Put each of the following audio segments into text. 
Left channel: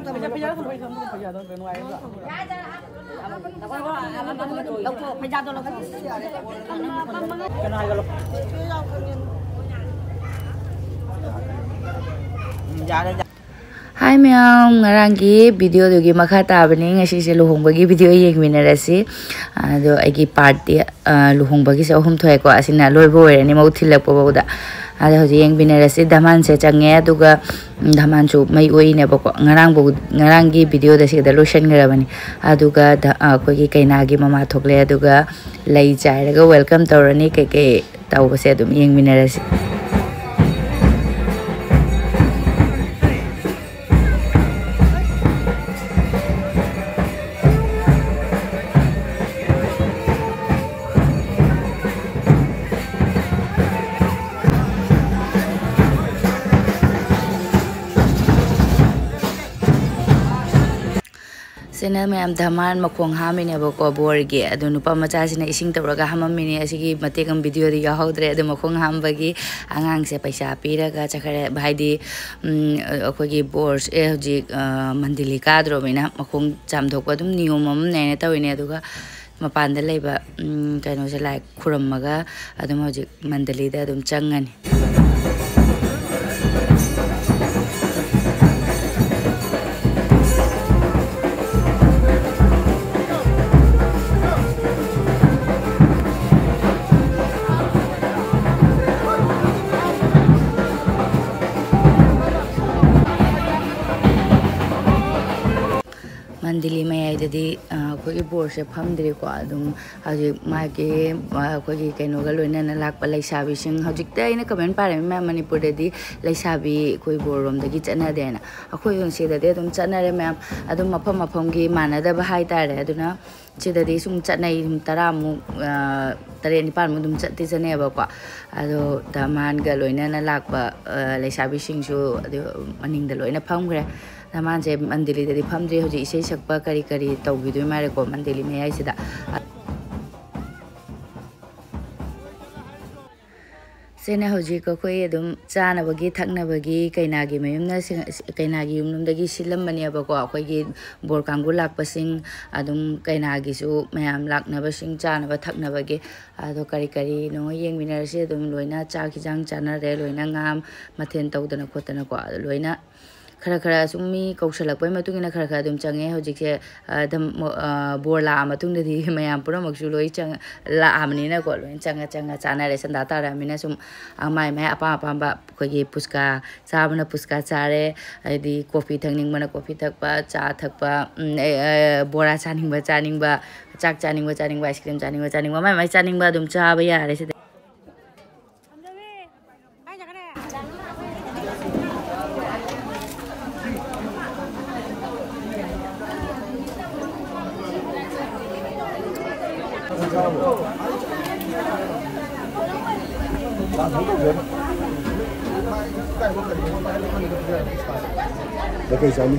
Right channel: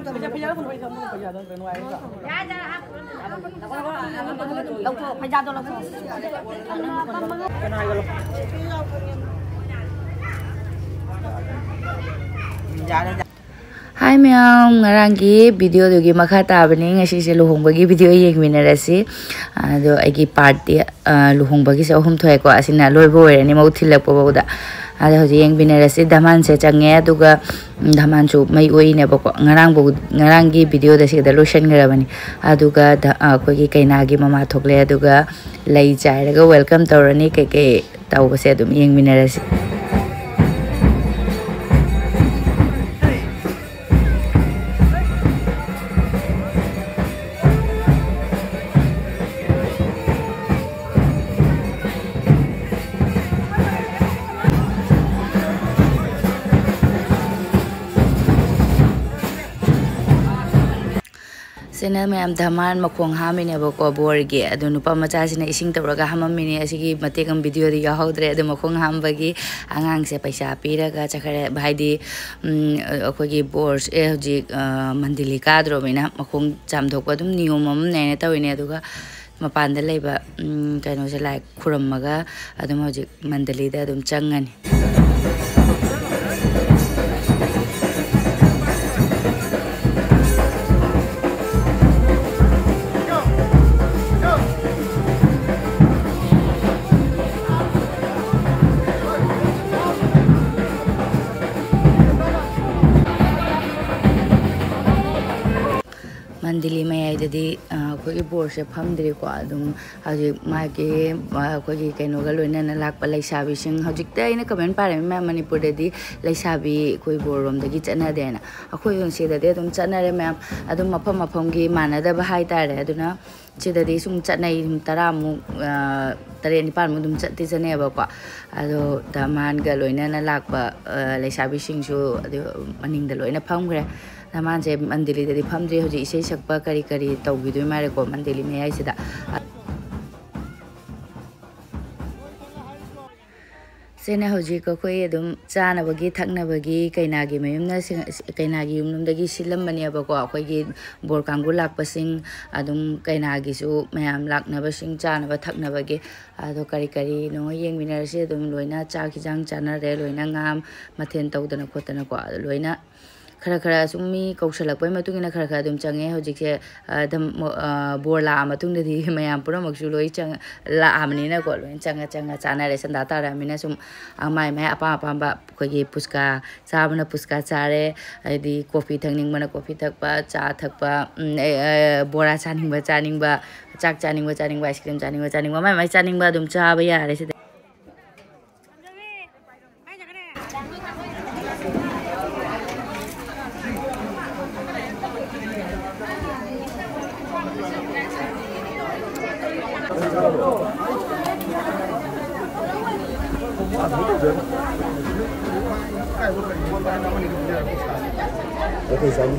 Hi ma'am, ngarangi video dugi makha tabani ngasi se luhongba gi video yengminarasi ado agi party luhongba gi se ahum thoy ko asina loibo werani mau thilakpa bawda ado hoji yengminarasi daman se change aduga daman chu mai oine bako ngarangi video da se da lotion garabani aduga ko gi kaina gi mama thokle aduga lai chairaga welcome tawrani ke tawbase adum yengminarasi Sena mayam dhaman makhong hamine bako borge adu nupa macha sina ising tawraga hamamini asigi matekam video di yahodre adu makhong hambagi angang se paisa piraga chakhare bhaidi akogi bors hoji mandili kadro bina makhong chamdokpa dum niyomam nene tawine aduga mapanda leiba kaino se lai khurammaga adum hoji mandali da adum changani Mandili may jadi ko ibor se phamdri ko adum haji mage ko gi kaino galoina na lakpa laisabi sing hajik ta ina comment pare ma manipur de laisabi ko ibor rom dagi chana de na akoi yon se de adum chana re ma'am adum mafam gi mana da ba hai tare aduna chida de sum chanai tara mu tare ni par mu dum chatti chane ba ko ado daman galoina na lakpa laisabi sing su adu maning da loina phamgre Naman je mandili dari phamdri hoji isei sakpa kari tawgidu mare ko mandili me ai sida sena hoji ko koi adum chana bagi thakna bagi kaina gi mayumna kaina gi yumnum dagi silam mani aba ko akoi gi bor kangu lak pasing adum kaina gi su mayam lakna basing chana ba thakna bagi ado kari no yeng minar se adum loina cha khijang chana re loina ngam mathen tawdana khotana ko loina khara sumi kausalakpai matungina khara dum change hojikse dam borla matungdi mayam pura maksu loi chang la amni na ko loi changa chana re sanda tara mina sum amai mai apa ba ko gi puska sabana puska chare di coffee thangning mana coffee thakpa cha thakpa bora chaning ba chak chaning ba ice cream chaning ba mai chaning ba dum cha ba ya re se Okay, son.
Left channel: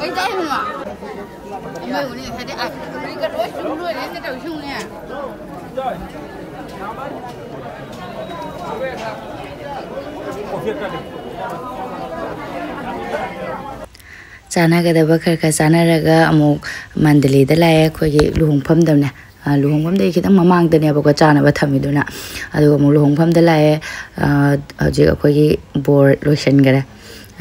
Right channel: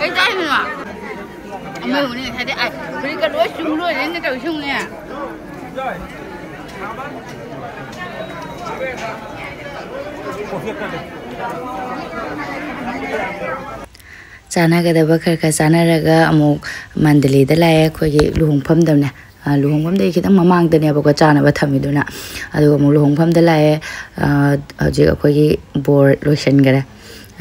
Cái trái này mà mấy hôm nay thấy đấy ai cái đôi sung luôn đến cái đầu sung nè chana ga da bakar ka chana raga amuk mandali da lae ko gi luhongpham dam ne luhongpham dei khitang mamang da ne ba ko chana ba thami duna adu amuk luhongpham da lae ji ko gi bor lotion gara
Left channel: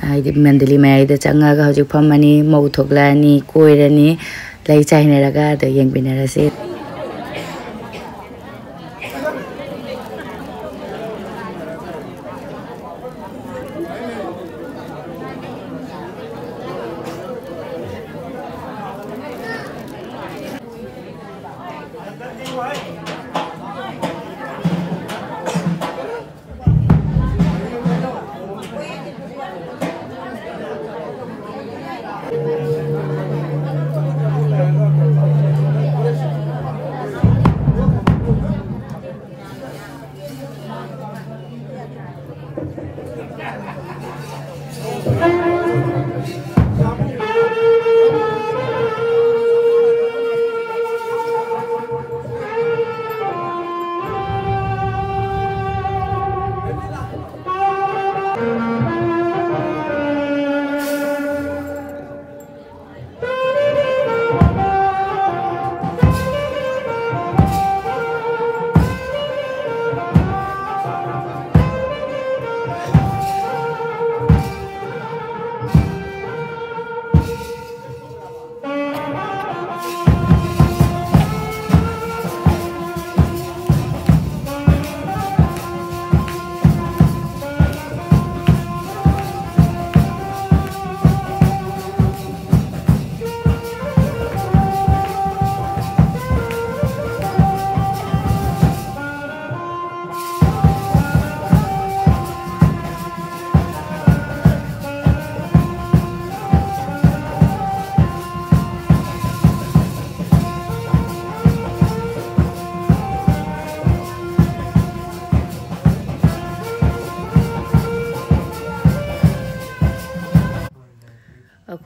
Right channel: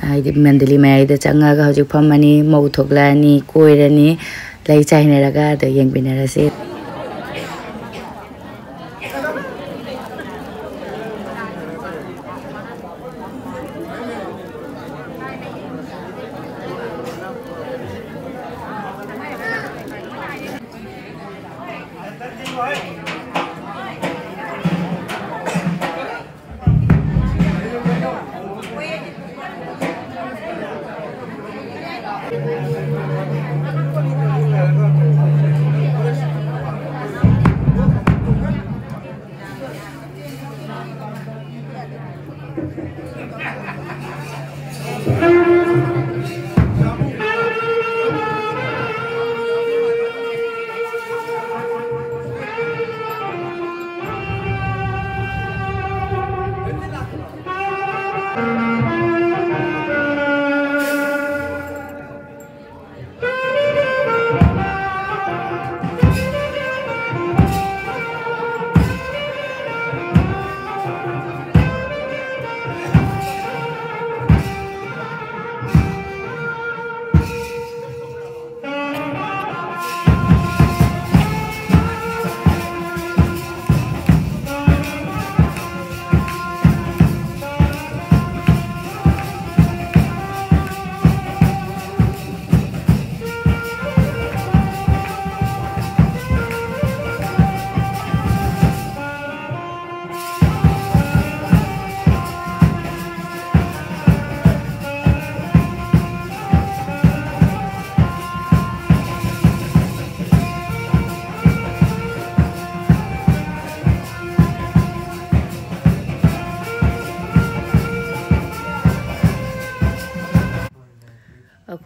ai mandali mai da changa ga hojik phamani mau thoklani koirani lai chaine raga da yeng binara se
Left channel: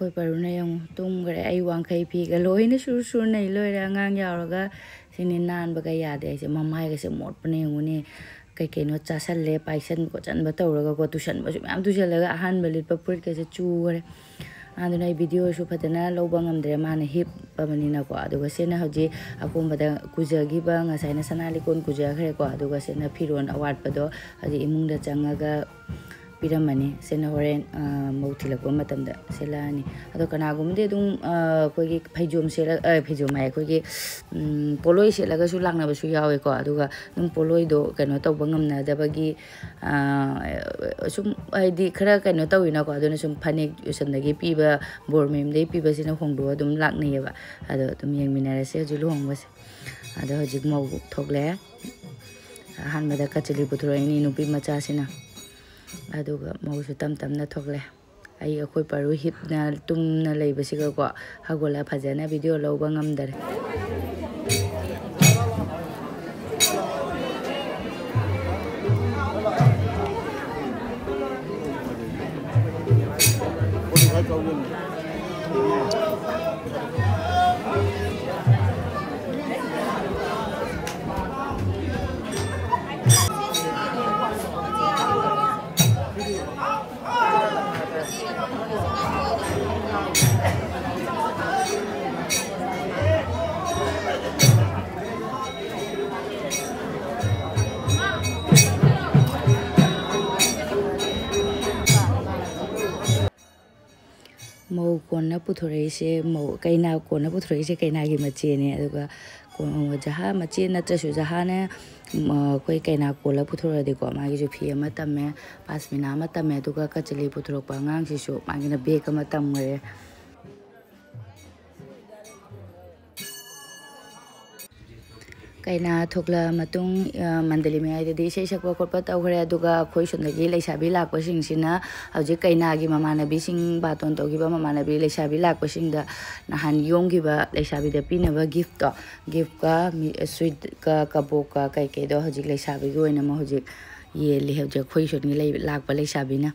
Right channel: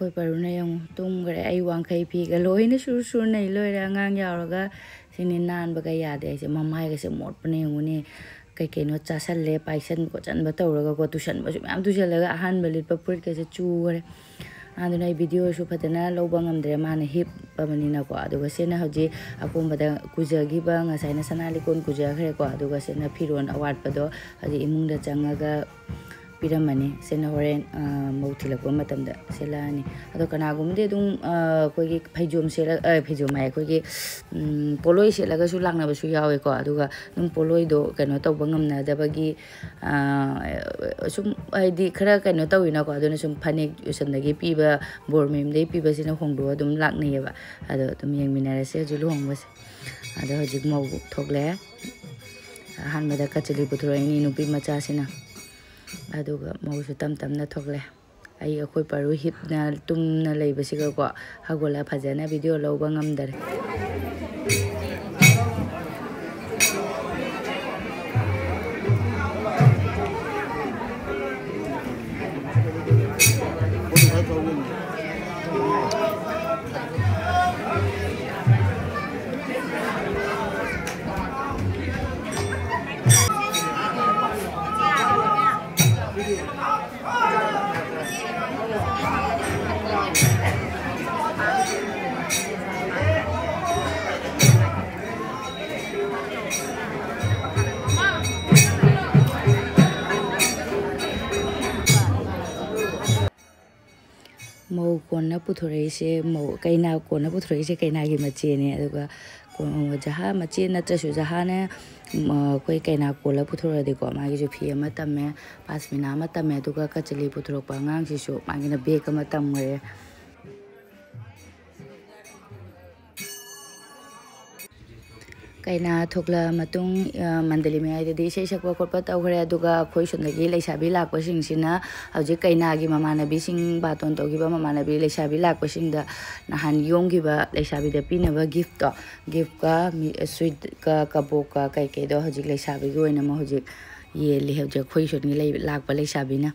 ꯑꯩꯈꯣꯏ ꯄꯔꯨꯅ ꯌꯦꯡꯉꯨ ꯇꯨꯝꯈ꯭ꯔꯦ ꯑꯩ ꯋꯥꯡꯈꯩ ꯐꯤꯒ ꯂꯣꯏꯅ ꯁꯨꯔ ꯁꯨꯔ ꯅꯩ ꯂꯣꯏꯔꯦ ꯑꯉꯥꯡ ꯌꯥꯎꯔꯒ ꯁꯤꯅꯤ ꯅꯥꯟꯕꯒ ꯌꯥꯗꯦ ꯑꯩꯁꯦ ꯃꯃꯥꯏꯒꯁꯦ ꯃꯣꯠꯄꯅ ꯌꯦꯡꯉꯨꯅꯦ ꯀꯩꯀꯩꯅꯣ ꯆꯥꯁꯜꯂꯦ ꯄꯥꯏꯁꯟ ꯈꯣꯠꯆꯟꯕ ꯇꯧꯔꯒꯀꯣ ꯇꯨꯁꯟꯕꯁꯨ ꯃꯌꯥꯝ ꯇꯨꯁꯜꯂꯒ ꯑꯍꯥꯟꯕ ꯂꯤꯠꯄ ꯐꯨꯔꯤꯠꯀꯁꯦ ꯆꯨꯈ꯭ꯔꯦ ꯑꯗꯨꯅ ꯑꯩ ꯚꯤꯗꯤꯑꯣꯁꯨ ꯐꯖꯅ ꯂꯧꯕ ꯉꯝꯗ꯭ꯔꯦ ꯃꯥꯅ ꯍꯤꯞꯄꯕꯅꯤꯅꯀꯣ ꯑꯗꯨꯒ ꯁꯤꯅ ꯍꯧꯖꯤꯛ ꯑꯀꯣꯝꯕꯗ ꯀꯨꯖꯈꯤꯕ ꯉꯁꯥꯏꯅ ꯁꯅꯥ ꯂꯤꯀꯣꯟ ꯀꯨꯖꯈ꯭ꯔꯦꯀꯣ ꯑꯗꯨꯒ ꯁꯤꯅ ꯐꯤꯔꯣꯟ ꯑꯋꯥꯠꯄꯗꯣ ꯍꯧꯖꯤꯛ ꯏꯃꯨꯡꯗ ꯆꯪꯉꯒ ꯄꯤꯔꯝꯃꯅꯤ ꯁꯤꯅ ꯍꯣꯔꯦꯟ ꯃꯧ ꯊꯤꯜꯂꯛꯄ ꯃꯇꯝꯗ ꯁꯦꯠꯂꯛꯑꯅꯤ ꯑꯗꯣ ꯀꯅꯥꯒꯨꯝꯕꯗꯤ ꯑꯗꯨꯝ ꯑꯩꯈꯣꯏꯒꯤ ꯐꯩꯖꯣꯝ ꯐꯩꯖꯣꯝ ꯍꯥꯏ ꯑꯩꯈꯣꯏꯒꯤ ꯄꯣꯠꯂꯣꯏ ꯁꯦꯠꯂꯒꯁꯨ ꯂꯥꯛꯅꯕꯁꯨ ꯌꯥꯎꯋꯦꯀꯣ ꯑꯗꯨꯒ ꯑꯗꯨꯝ ꯄꯣꯠꯂꯣꯏꯗꯣ ꯀꯩꯅꯣ ꯇꯧꯕ ꯉꯝꯅꯗꯕꯒꯤ ꯁꯨꯝ ꯍꯥꯏꯗꯤ ꯈꯔ ꯀꯩꯅꯣ ꯇꯧꯋꯤꯅꯀꯣ ꯑꯗꯨꯅ ꯁꯨꯝ ꯐꯅꯦꯛ ꯎꯁꯟꯗꯒꯤ ꯄꯤꯕ ꯕꯣꯔ ꯃꯌꯨꯝꯗꯒꯤ ꯄꯤꯕꯁꯤꯅ ꯍꯣꯡꯗꯣꯛꯑ ꯑꯗꯨꯝ ꯂꯥꯛꯅꯩꯌꯦꯕ ꯑꯗꯣ ꯑꯗꯨꯝ ꯌꯦꯡꯃꯤꯟꯅꯔꯁꯦ ꯍꯧꯖꯤꯛ ꯂꯨꯍꯣꯡꯕꯁꯦ ꯑꯗꯣ ꯍꯧꯖꯤꯛ ꯃꯧ ꯊꯣꯛꯂꯛꯑꯦ ꯑꯍꯥꯟꯕꯗ ꯀꯆꯂꯤ ꯄꯨꯊꯣꯔꯛꯏꯅꯤ ꯅꯨꯄꯤ ꯃꯆꯥꯁꯤꯅ ꯑꯗꯨꯒ ꯃꯧꯁꯨ ꯇꯞ ꯇꯞꯅ ꯊꯣꯛꯂꯛꯑꯦ ꯑꯩꯈꯣꯏ ꯄꯔꯨ ꯍꯤꯞꯅ ꯇꯨꯝꯅ ꯂꯩꯕꯁꯤꯒꯀꯣ ꯍꯧꯒꯠꯂ ꯐꯖꯅ ꯚꯤꯗꯤꯑꯣ ꯂꯧꯕ ꯉꯝꯗꯔꯦ ꯃꯧ ꯀꯣꯟꯅ ꯄꯨꯊꯣꯔꯛꯏꯁꯦ ꯃꯧ ꯀꯩꯅꯥ ꯀꯣꯟꯅ ꯄꯨꯊꯣꯔꯛꯏꯁꯦ ꯀꯩꯅꯥꯒꯤ ꯃꯆꯦꯅꯦ ꯑꯗꯨꯒ ꯖꯍꯥ ꯃꯆꯦ ꯅꯠꯇ꯭ꯔꯁꯨ ꯖꯍꯥꯅ ꯑꯩꯈꯣꯏ ꯀꯩꯅꯥ ꯀꯣꯜꯂ ꯄꯨꯊꯣꯔꯛꯑꯗꯤꯀꯣ ꯃꯥꯒꯤꯁꯨ ꯐꯤ ꯑꯃ ꯇꯝꯃꯦ ꯄꯥꯁꯃꯤꯅꯥ ꯑꯃ ꯇꯝꯃꯦ ꯑꯗꯨꯒ ꯀꯆꯂꯤ ꯄꯨꯊꯣꯔꯛꯄ ꯑꯉꯥꯡꯁꯤꯁꯨ ꯃꯥꯒꯤꯅ ꯕꯦꯒ ꯑꯃ ꯇꯝꯈ꯭ꯔꯦ ꯀꯩꯅꯥ ꯊꯣꯛꯂꯛꯑ ꯃꯇꯨꯡ ꯃꯟꯗꯂꯤ ꯃꯌꯥꯏꯗꯗꯤ ꯏꯁꯩ ꯁꯛꯄ ꯈꯣꯠꯄ ꯇꯧꯈ꯭ꯔꯦ ꯑꯗꯨꯒ ꯑꯩꯈꯣꯏ ꯁꯣꯝꯗꯒꯤ ꯂꯩꯁꯥꯕꯤ ꯂꯥꯛꯄꯁꯤꯡꯁꯤꯅ ꯍꯧꯖꯤꯛ ꯀꯩꯅꯥꯒꯤ ꯃꯃꯥꯟꯅꯕꯤꯁꯤꯡ ꯕꯥꯇꯣꯟ ꯇꯧꯈꯤꯕ ꯃꯃꯥꯟꯅꯕꯤ ꯂꯩꯁꯥꯕꯤ ꯂꯥꯛꯄꯁꯤꯡꯗ ꯅꯍꯥꯟ ꯌꯣꯝꯈꯤꯕ ꯂꯩꯁꯥꯕꯤꯗ ꯄꯤꯅꯕ ꯒꯤꯐꯇꯣ ꯒꯤꯐꯀ ꯁ꯭ꯋꯤꯠꯀ ꯀꯕꯣꯛꯀ ꯀꯩꯀꯩꯗꯣ ꯍꯧꯖꯤꯛ ꯂꯩꯁꯥꯕꯤꯒꯤ ꯑꯣꯏꯅ ꯑꯃ ꯍꯧꯖꯤꯛ ꯌꯦꯜꯂꯤ ꯍꯧꯖꯤꯛ ꯑꯩꯈꯣꯏ ꯁꯣꯝꯒꯤ ꯂꯥꯛꯄ ꯂꯩꯁꯥꯕꯤꯅ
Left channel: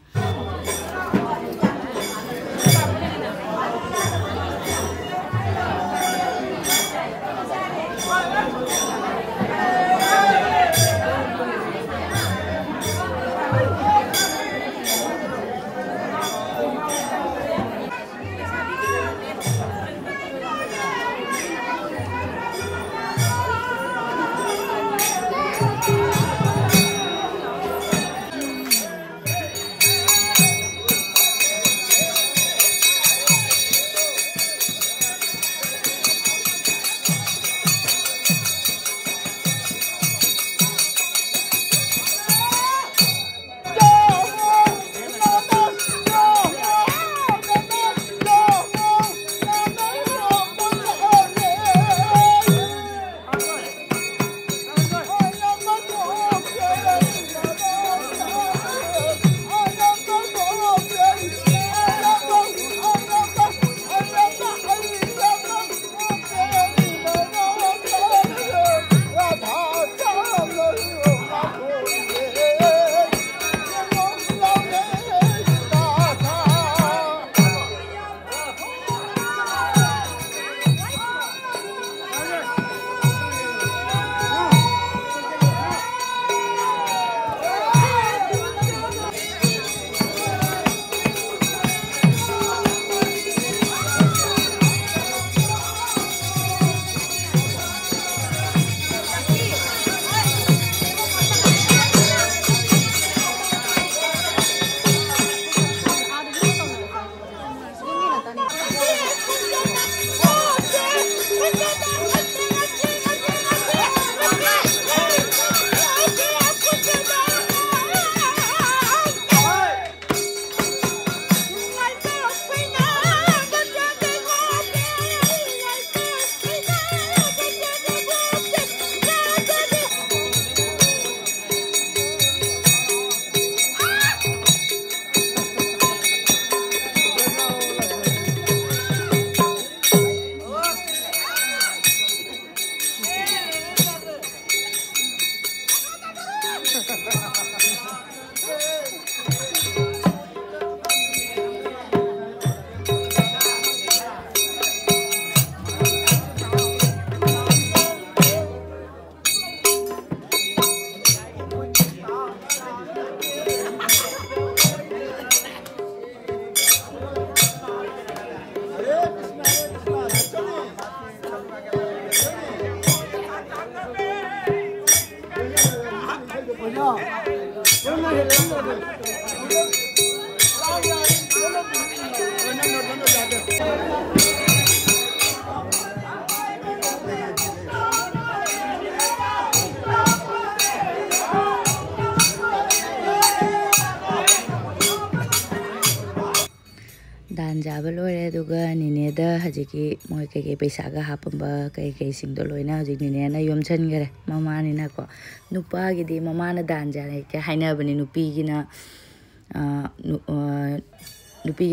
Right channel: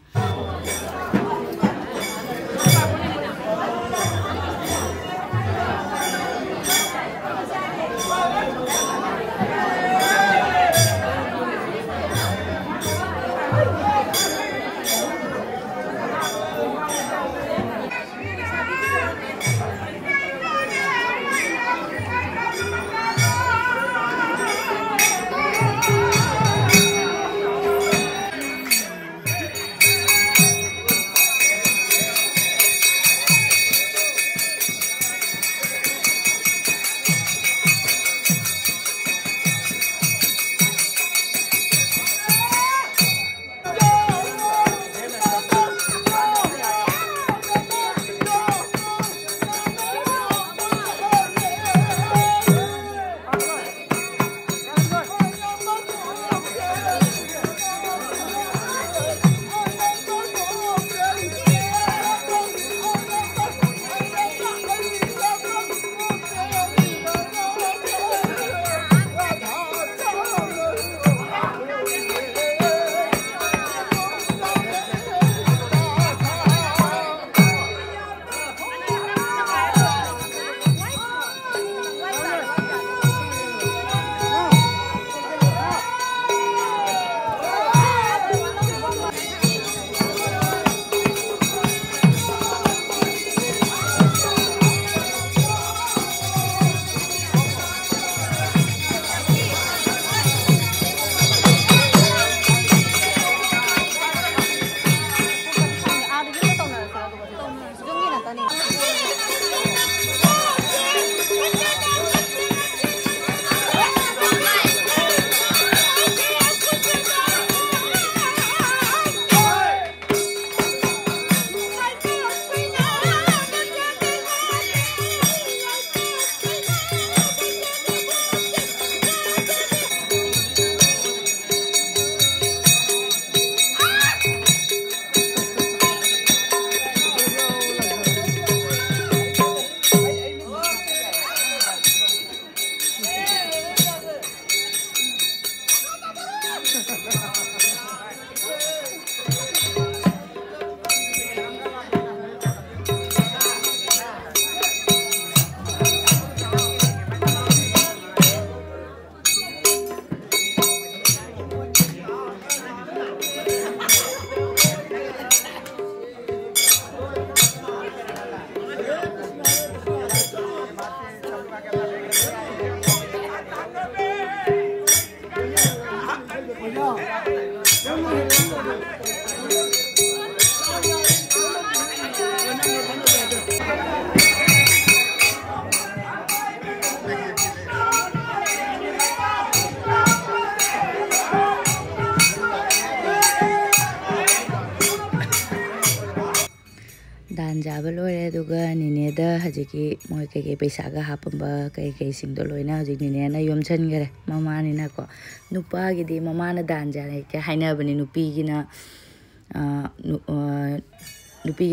Dan jaba loire aduga nine da hajiki moi keke paisa ga hapamba keke singdo loina hajik nine na yom changare mama ni na ko nupa gi di mama na dan jare ke haina bani nupi gi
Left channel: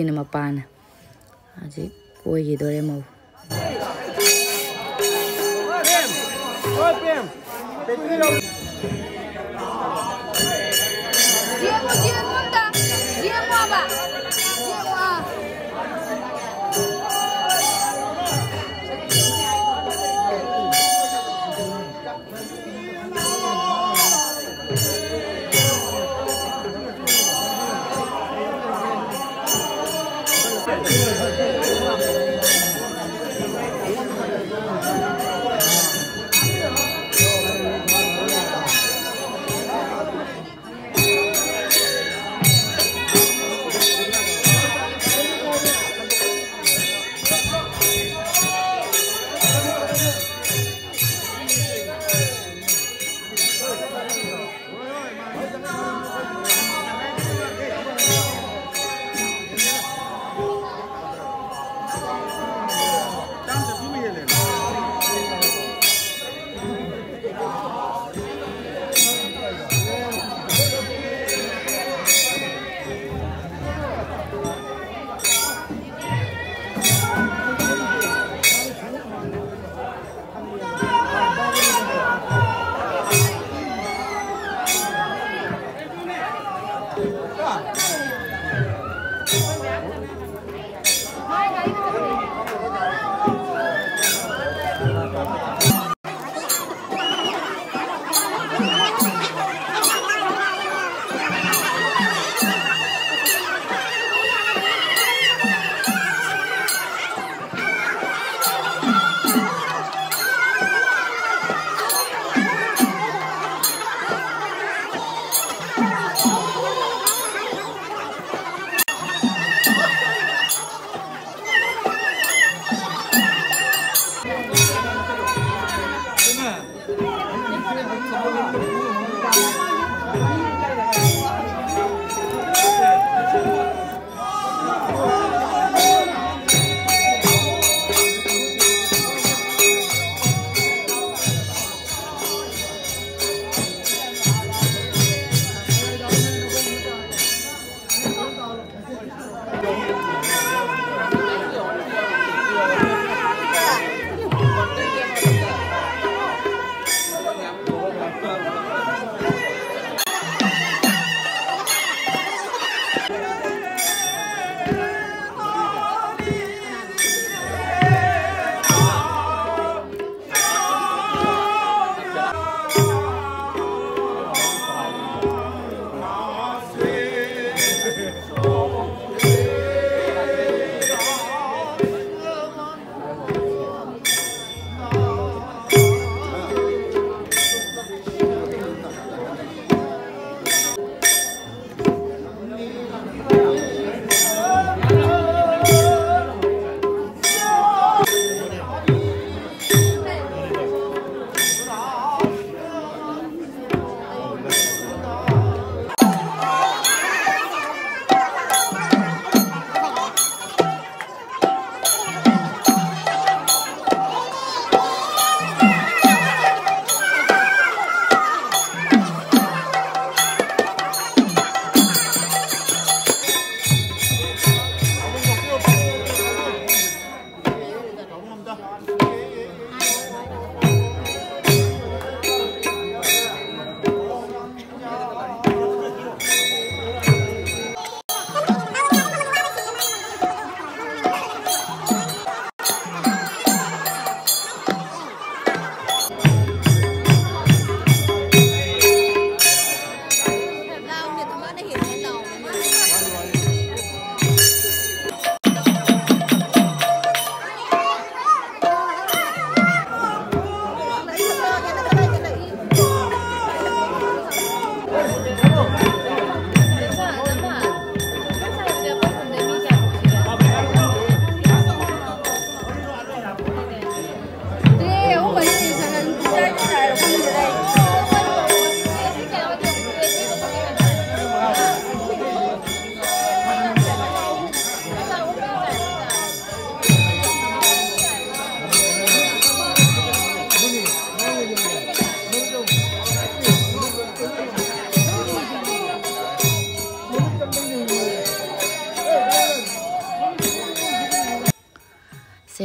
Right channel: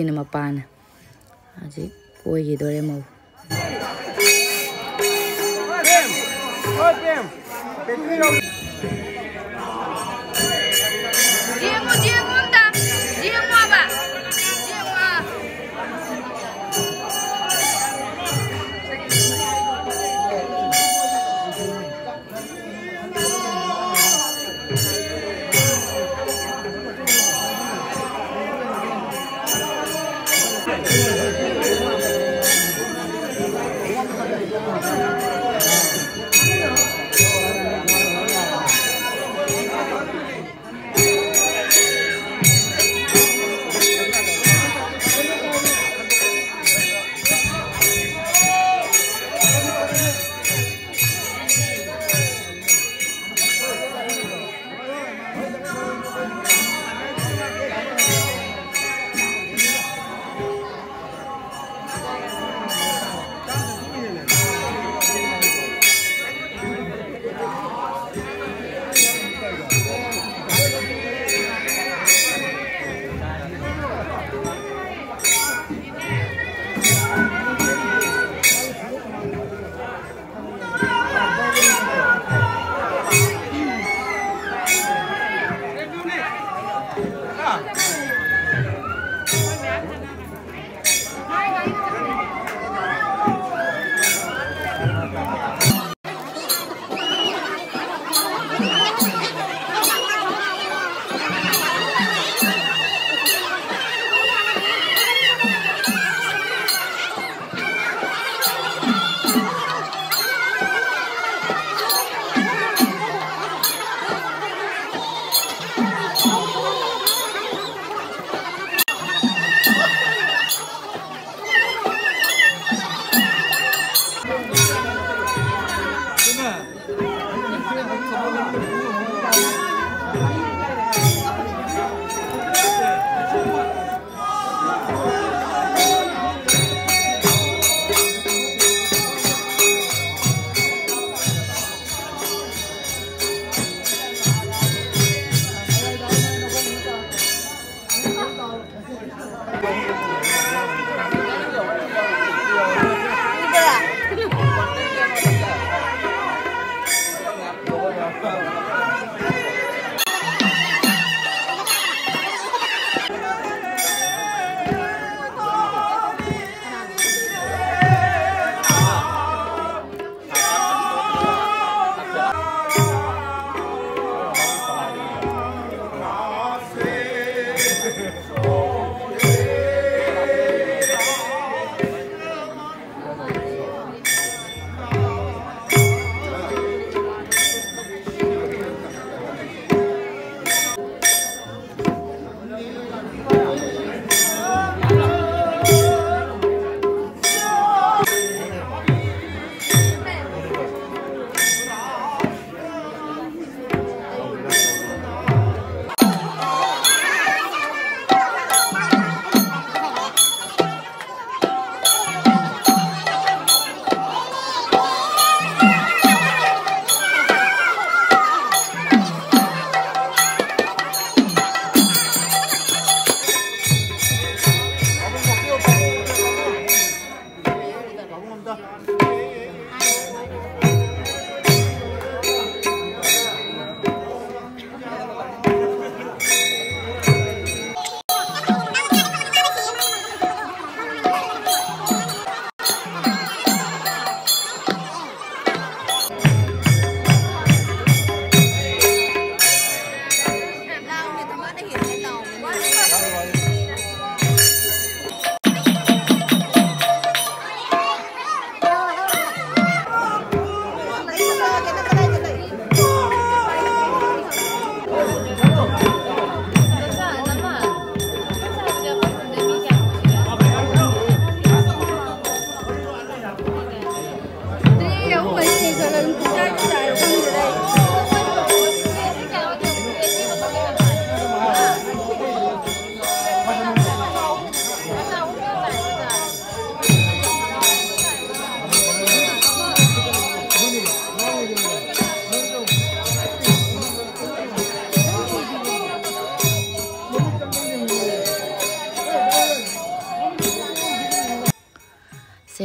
na mapana hajik koi gi dore mo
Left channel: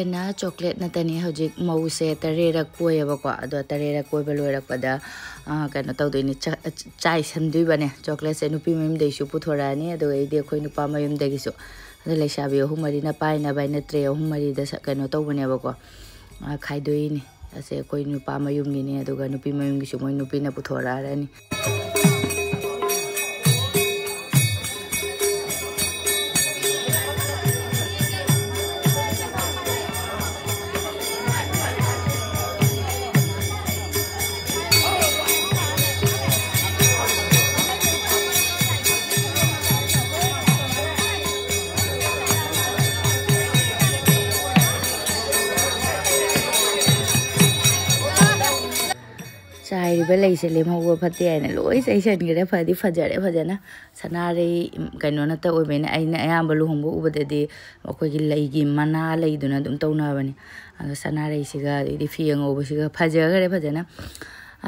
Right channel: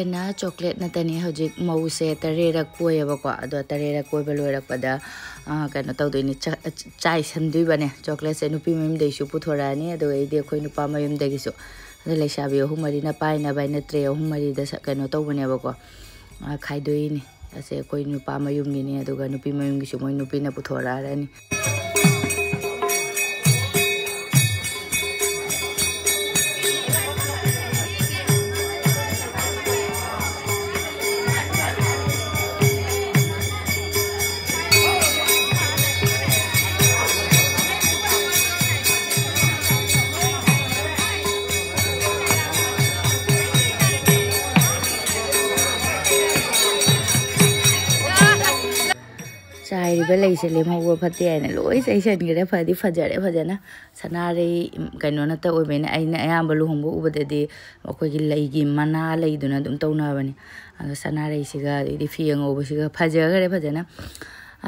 ꯆꯣꯀ꯭ꯂꯦꯠꯅ chocolate ꯅꯠꯇꯅꯤ ꯍꯧꯖꯤꯛ ꯃꯧꯁꯦ ꯇꯔꯦꯔꯛ ꯀꯣꯏꯌꯦꯕꯀꯣ ꯑꯗꯣ ꯇꯔꯦꯔꯛ ꯀꯣꯏꯕ ꯂꯣꯏꯔꯛꯄꯗ ꯀꯩꯅꯣ ꯇꯧꯗꯣꯏꯅꯤ ꯆꯥꯏꯁꯟꯗꯣꯏꯕꯅꯦ ꯆꯣꯀ꯭ꯂꯦꯠꯁꯦ ꯅꯨꯄꯤ ꯃꯌꯨꯝꯗꯩꯁꯨ ꯄꯨꯊꯣꯔꯛꯑꯅꯤ ꯑꯗꯨꯒꯩꯗꯤ ꯑꯩꯈꯣꯏ ꯅꯨꯄꯥ ꯃꯌꯨꯝꯗꯒꯤꯁꯨ ꯑꯗꯣ ꯂꯩꯁꯥꯕꯤ ꯑꯍꯨꯝ ꯃꯔꯤꯅ ꯄꯥꯏꯅꯕ ꯑꯩꯅ ꯇ꯭ꯔꯦ ꯑꯍꯨꯝ ꯃꯔꯤꯗ ꯀꯩꯅꯣ ꯇꯧꯕꯅꯦꯕꯀോ ꯈꯥꯏꯗꯣꯛꯏꯅꯤ ꯑꯁꯦ ꯑꯩꯈꯣꯏ ꯅꯨꯄꯥ ꯃꯌꯨꯝꯒꯤꯅꯤ ꯑꯗꯨꯒ ꯅꯨꯄꯤ ꯃꯌꯨꯝꯒꯤꯁꯨ ꯃꯣꯏ ꯅꯨꯄꯤꯅ ꯄꯨꯊꯣꯔꯛꯑꯅꯤ ꯆꯥꯏꯔꯤꯕ ꯂꯩꯁꯦ ꯂꯦꯝꯍꯧꯕ ꯐꯠꯇꯦ ꯍꯥꯏꯅ ꯂꯣꯏ ꯆꯩꯁꯟꯈ꯭ꯔꯦ ꯐꯗꯤ ꯐꯖꯔꯦ ꯐꯖꯅ ꯁꯅꯥꯔꯩ ꯀꯩꯅꯣ ꯅꯠꯇ ꯑꯣꯏꯕꯅꯤꯅ ꯑꯩꯅ ꯑꯌꯥꯝꯕ ꯂꯨꯍꯣꯡꯕ ꯎꯕꯗꯗꯤ ꯑꯩꯈꯣꯏꯒꯤ ꯂꯩꯒꯤ ꯃꯅꯥ ꯂꯩꯗꯨꯅ ꯑꯗꯨꯝ ꯇꯧꯅꯕꯅꯤ ꯑꯗꯣ ꯁꯅꯥꯔꯩꯁꯤꯒ ꯑꯗꯩꯗꯤ ꯐꯤ ꯑꯉꯧꯕꯁꯤꯒ ꯐꯖꯈ꯭ꯔꯦ ꯐꯖꯅ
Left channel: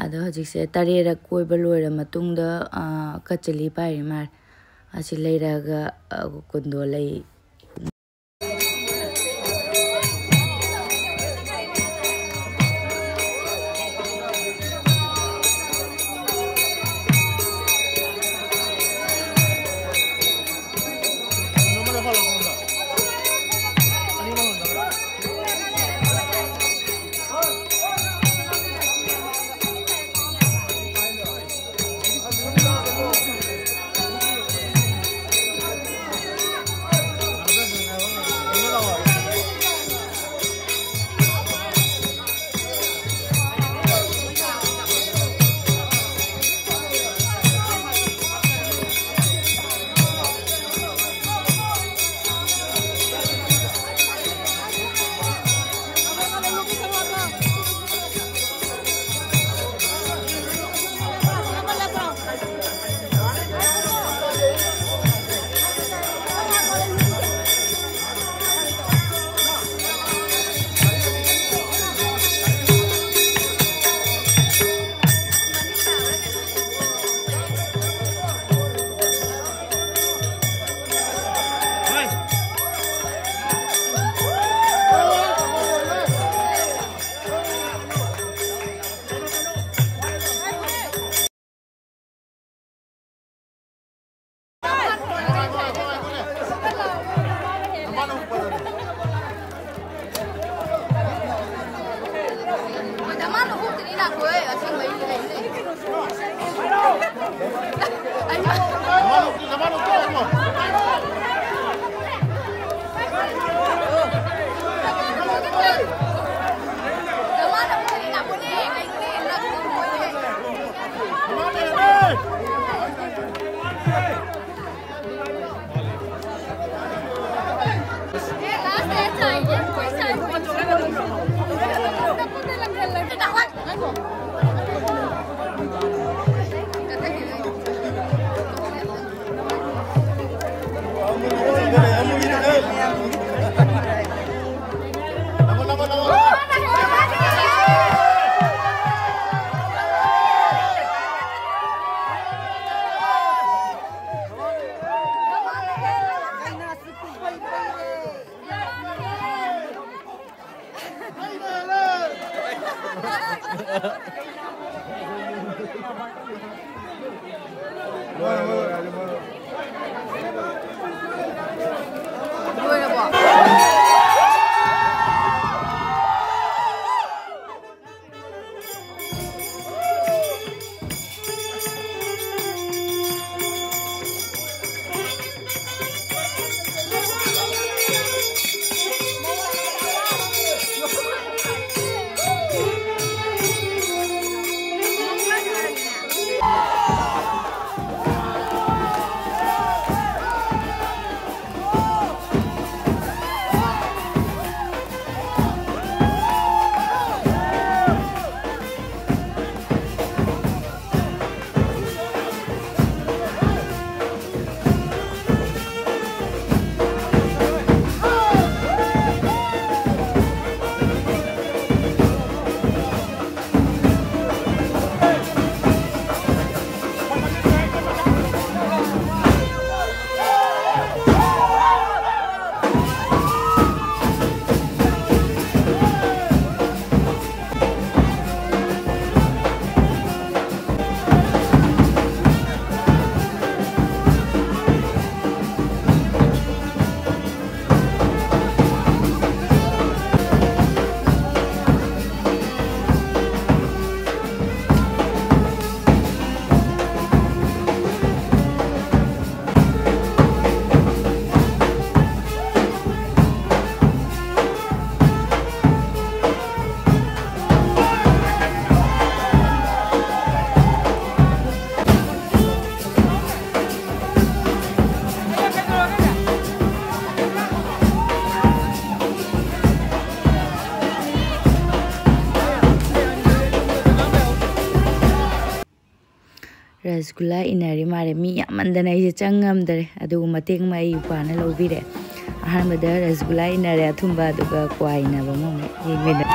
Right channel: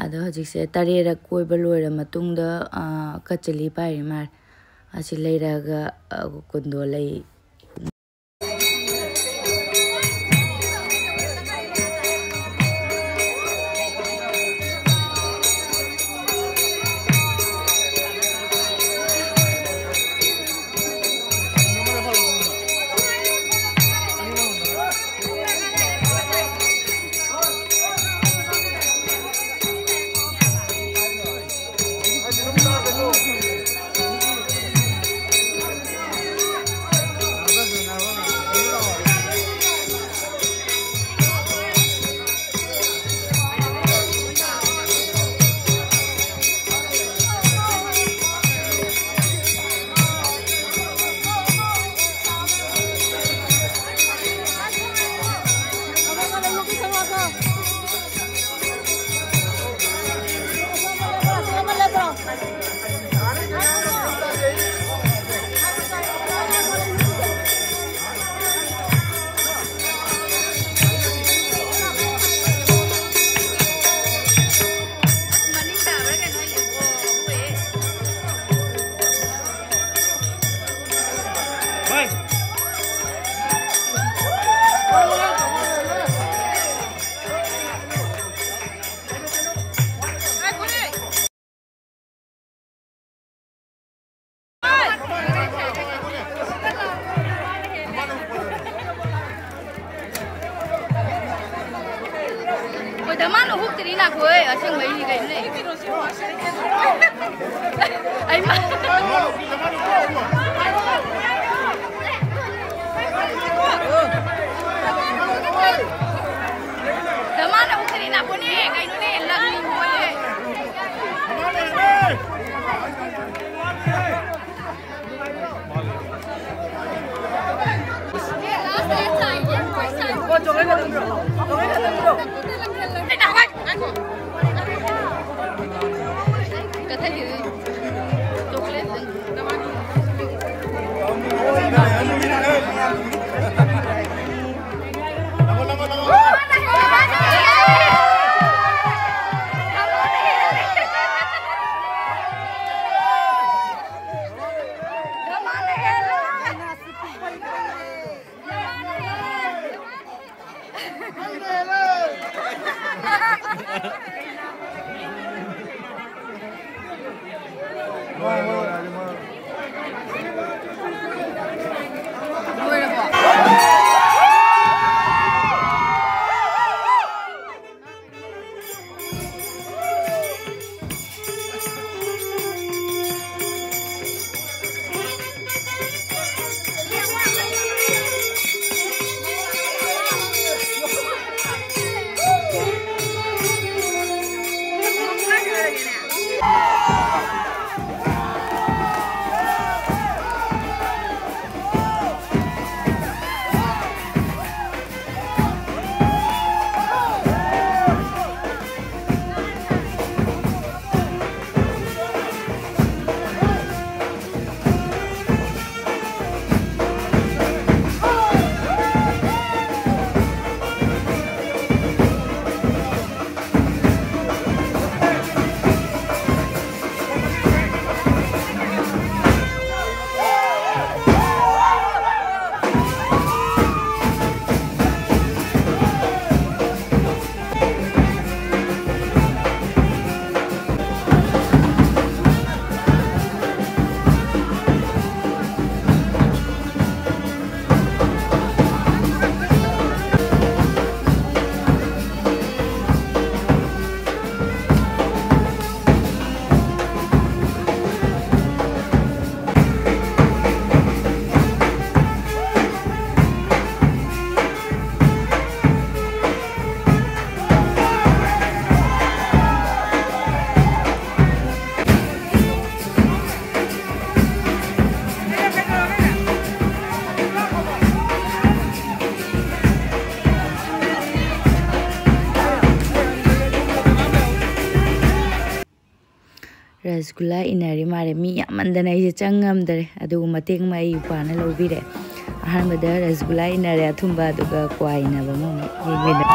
ꯑꯗꯣ ꯍꯧꯖꯤꯛꯁꯦ ꯇꯔꯦꯔꯛ ꯀꯣꯏꯕ ꯂꯣꯏꯔ ꯃꯇꯨꯡꯗ ꯀꯆꯂꯤ ꯄꯥꯏꯔꯤ ꯃꯥꯜꯂꯦ ꯑꯁꯤ ꯂꯩꯔꯒ ꯀꯨꯟꯗꯣ ꯂꯩ rasgulla inari mare mi yamandana ise changamdare adugu mateng mai upana lobire ahanbada rasgulla inari athumba aduga kwaina bamu yegmina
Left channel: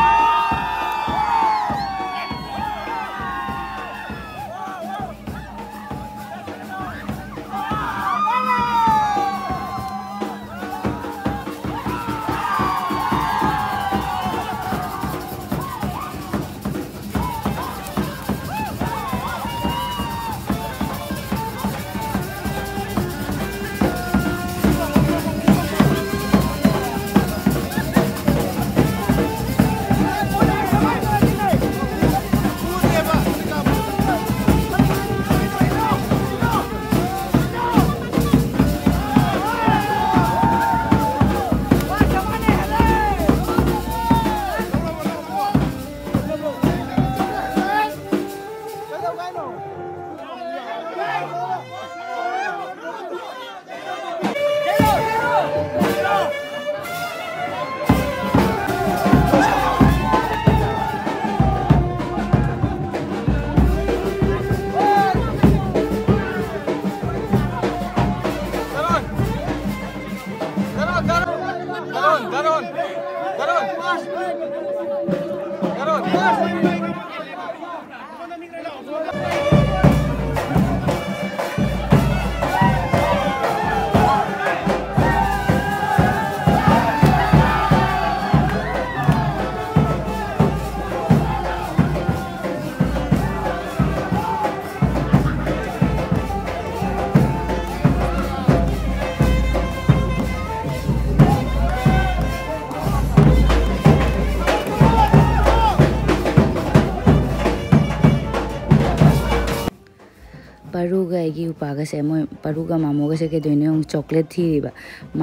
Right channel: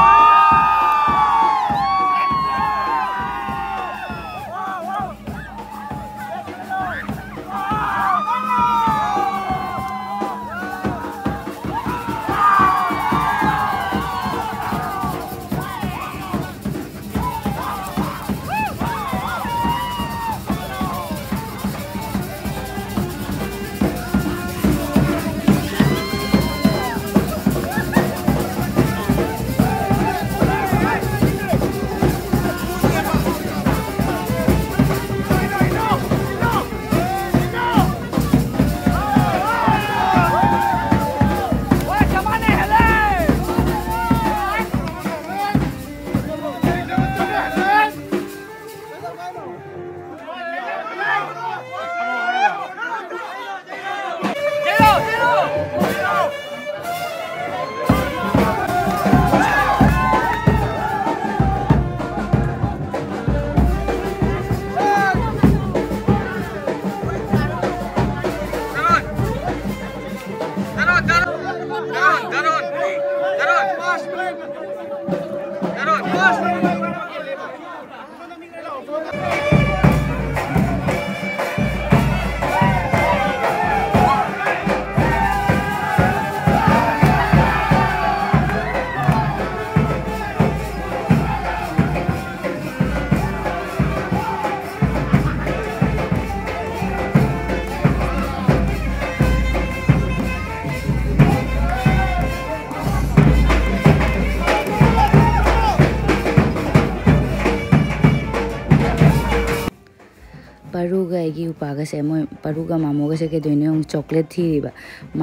Paru ga igi upaga se moi paru ga mamo ga se ke doine ong chocolate thiri ba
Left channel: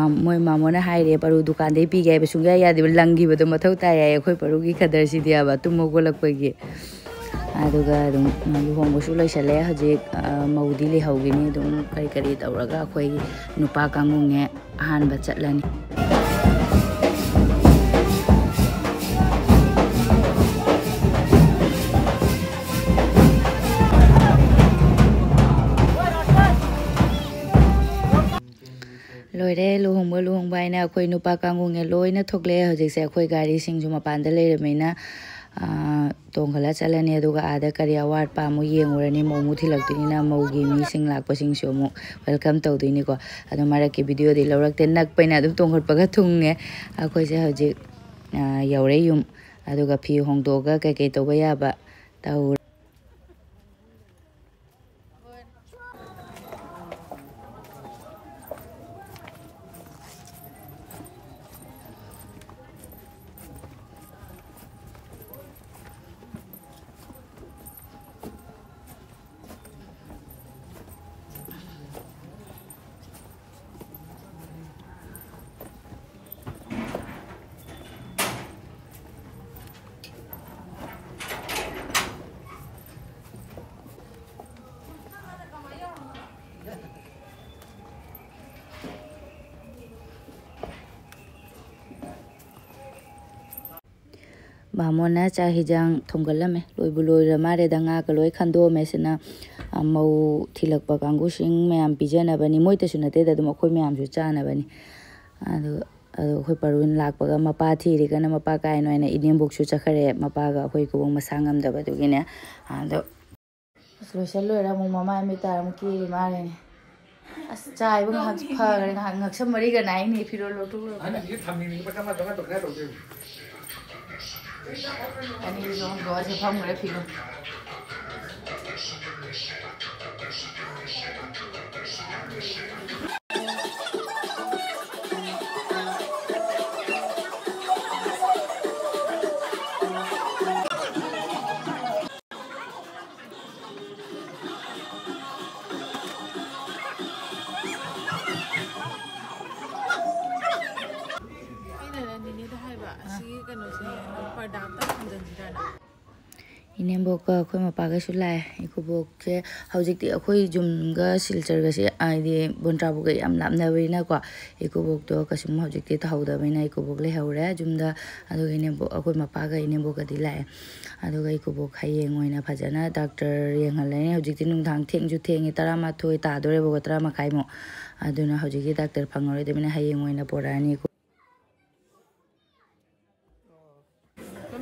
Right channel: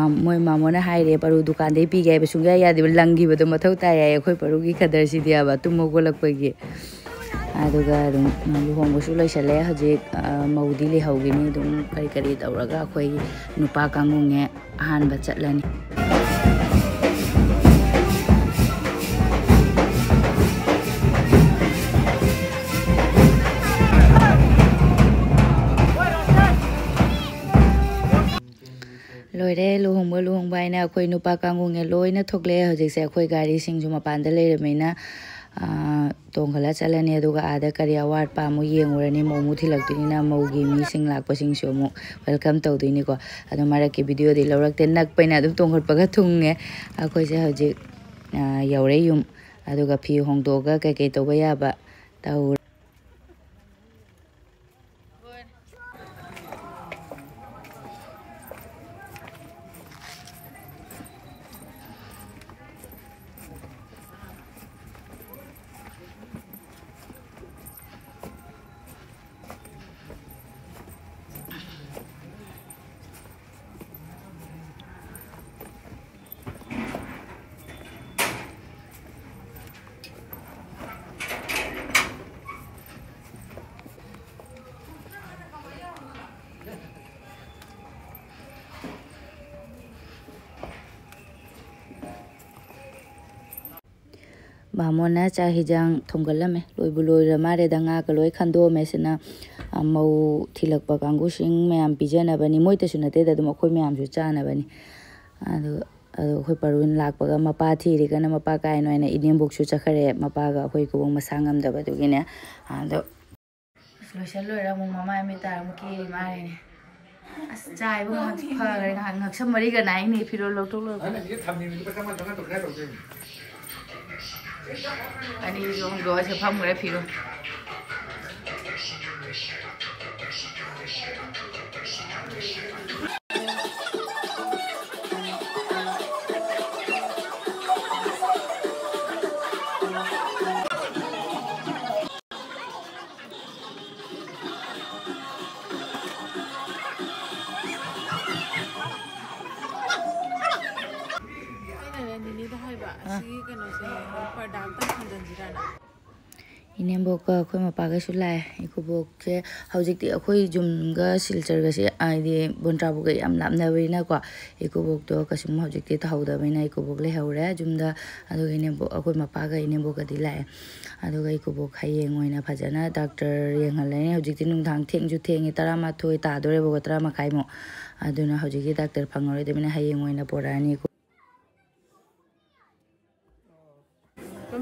moi mamo na haire paru dukan de pi ga be sunga ya de langi ba do mathau ta ya khoi paru gi khadar si dia ba tumo go lak pa gi aduga dum luhongba su lai sale haje maudi le hawgini dum kari kari tawraga khoi nupa kangunge ahan ba chatlani loire luhongba ina khoi nupa kangunge loina thokle hojik se khoi gari sing ju mapan da le remena tongkhala chalani aduga ada kari award pa mu yengurani momu thilakdini na mogi mi sing lakpa sing so mu welcome tawdini ko adu mara ke video de lawrak te nak paina adum tongkhot paga thunge akhoi se hojik yaure yum aduga phi hongdoga kai kai toba ya ba taw Bamona cha hijang thonggalame loibuloi ramare danga kaloi khando mesina mau thilakpa kangu sing mayam pijana bani moita sunate da dum khoi mayam ju chana bani adu khoi parun lakpaga mapa thiri kana mapa kai noina idem boksu chakhare mapa ga khoi ko masangam da badu gine adu solution loira mu mama mi taram ki mare as chai bu ha phagare ngak samari ga nai ni phiro loktok lo ana ye thamni ni pa kama danga tokna to ani jo go se pham gare phiro Inemboka akhoi mapaga su lai ikubok che haujikti akhoi jumga silchar se aidi bontrabu ga yam lapna baina ko ikubok to kasum haujikti ta hauda baina ikubok le haure jumda adu inembo akhoi mapaga inemboka di lai adu ga ikubok hayeng oina phajana doctor yengalai haujikti nungthang thengju thengi 12 ta dore bo 13 makai mo aduna haujikti doctor phangore de bina hayeng oina porani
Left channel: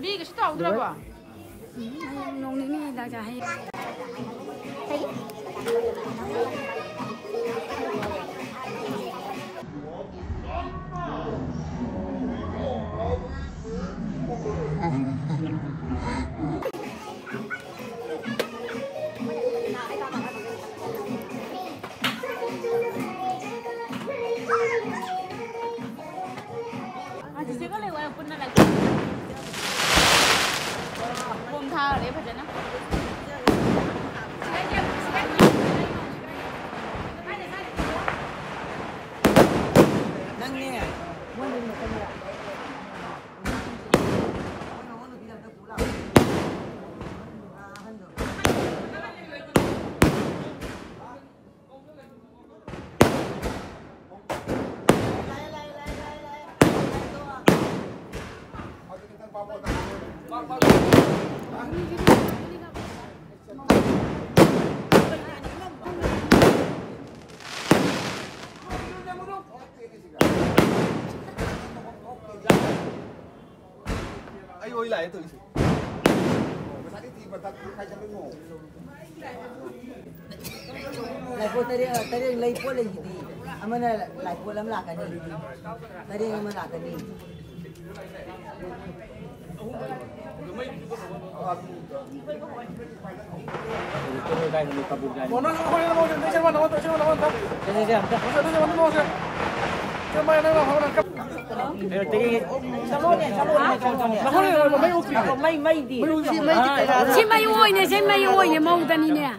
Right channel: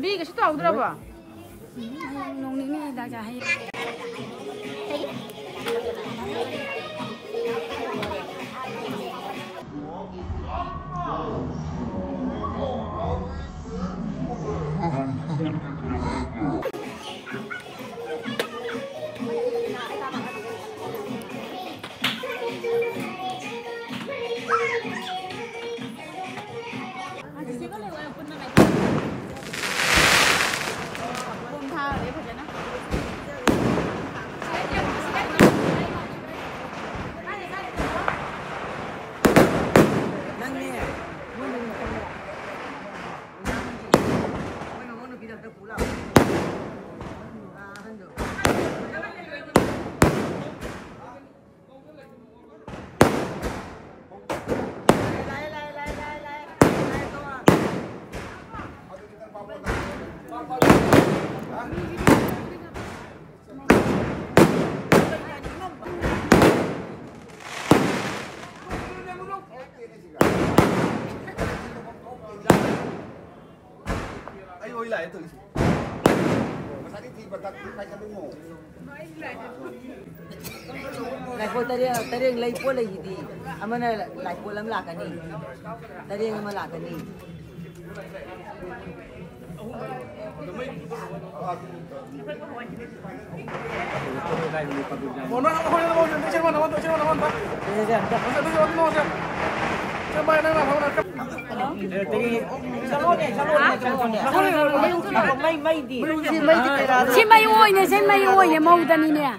Đi cái tàu đâu à? Nông ní này đã hay. Ôi lại tự lại cô tadi lấy cô lấy gì đi, ama lại cô làm lạc cái gì, tadi ama lạc cái gì. Xin mày ơi nè mau ta đi nè.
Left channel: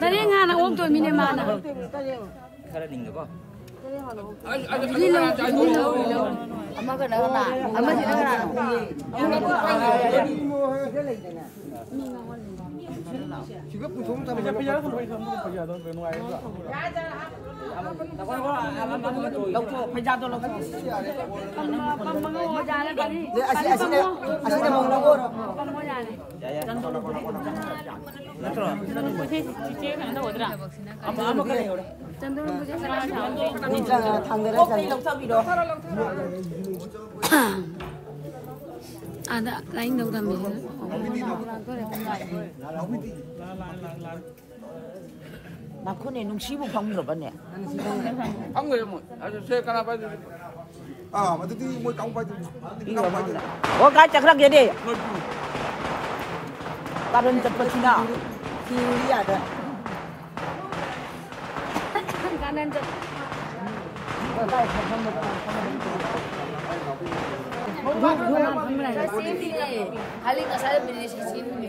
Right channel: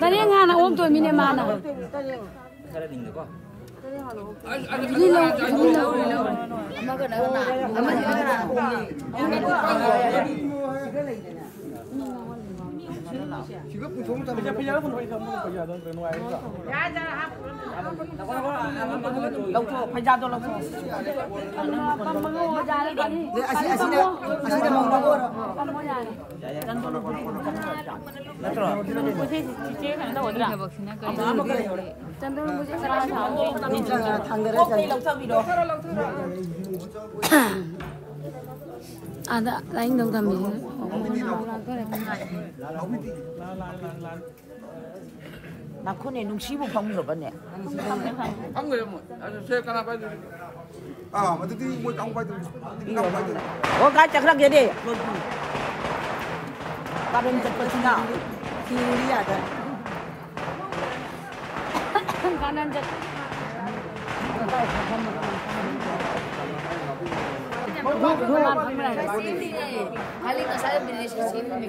Tadi ngana om tu mine mana. Ini lo. Ama cái đó là, ama cái đó là. Chỉ có普通咱们这边不会咱们不要都跟外头。Lâu thôi, phải ra đâu lâu thôi. Ada lain dong kami. Nakon ni nung sibu phang rồi bạn nè. Phang người mà, xe cái nào phải. Mà tôi đi mua cong phải tôi. Oh, kau cakap dia deh. Karun cepat Cina. Kiri ada. Kanan je. Kali tak saya beli sini ni.